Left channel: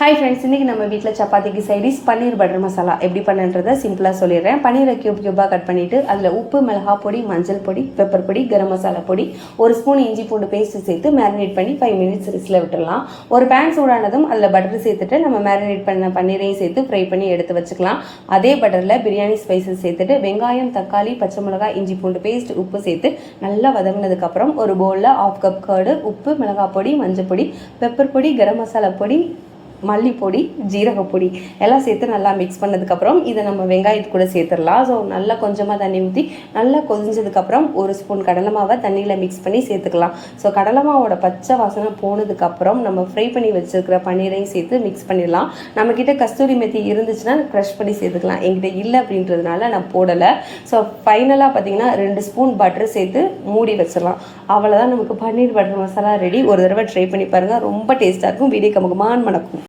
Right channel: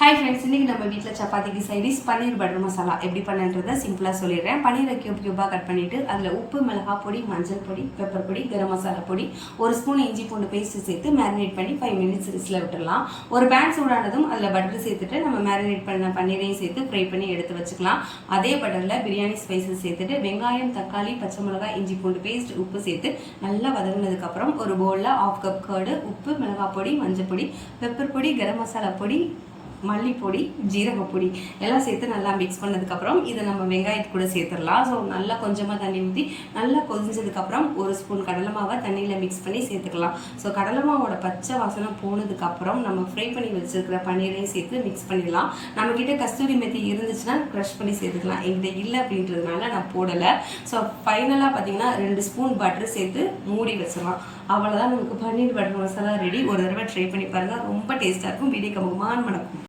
Hi friends, இன்றைக்கி நம்ம வீட்டில் சப்பாத்திக்கு சைடிஸ் பன்னீர் பட்டர் மசாலா எப்படி பண்ணுன்றதை சிம்பிளாக சொல்லிடுறேன். பன்னீரை க்யூபாக கட் பண்ணிவிட்டு அதில் உப்பு, மிளகாய் பொடி, மஞ்சள் பொடி, பெப்பர் பொடி, கரம் மசாலா பொடி, ஒரு ஸ்பூன் இஞ்சி பூண்டு பேஸ்ட்டு சேர்த்து மேரினேட் பண்ணி 5 மினிட்ஸ் ரெஸ்ட்டில் விட்டுடலாம். ஒரு பேன் சூடானதும் அதில் பட்டர் சேர்த்துட்டு நம்ம மேரினேட் பண்ண பன்னீரையும் சேர்த்து ஃப்ரை பண்ணி எடுத்து வச்சுக்கலாம். அதே பட்டரில் பிரியாணி ஸ்பைசஸ் சேர்த்துட்டு வெங்காயம், தக்காளி, பச்சை மிளகாய், இஞ்சி பூண்டு பேஸ்ட், உப்பு சேர்த்து நல்லா வதங்கினதுக்கப்புறம் ஒரு பவுலில் 1/2 கப் கர்டு, உப்பு, மிளகாய் பொடி, மஞ்சள் பொடி, பெப்பர் பொடி, கரம் மசாலா பொடி, மல்லிப்பொடி, ஜீரகப்பொடி எல்லாம் சேர்த்து நல்லா மிக்ஸ் பண்ணதுக்கப்புறம் இதை நம்ம வெங்காயத்து கூட சேர்த்துடலாம். ஸோ நல்லா கொஞ்சமாக தண்ணி ஊற்றி நல்லா கொதிஞ்சதுக்கப்புறம் ஒரு ஸ்பூன் கடலை மாவை தண்ணியில் மிக்ஸ் பண்ணி சேர்த்துக்கலாம். ஸோ கடலை மாவோட பச்சை வாசனை போனதுக்கப்புறம் நம்ம ஃப்ரை பண்ணி வச்சுருக்கிற பன்னீரையும் சேர்த்து மிக்ஸ் பண்ணிடலாம். நம்மக்கிட்ட கஸ்தூரி மெத்தி இருந்துச்சுன்னா க்ரஷ் பண்ணி சேர்த்துக்கலாம். என்கிட்ட இல்லை அப்படின்றதுனால நான் போடலை. ஸோ ஃபைனலாக பார்த்தீங்கன்னா 2 ஸ்பூன் பட்டர் சேர்த்து மூடி வச்சிடலாம். அவ்வளோதான், நமக்கு பன்னீர் பட்டர் மசாலா ரெடி. ஒரு தடவை ட்ரை பண்ணி பாருங்கள், ரொம்ப டேஸ்ட்டாக இருக்கும். வீடியோ கமகமான் மணக்கும்.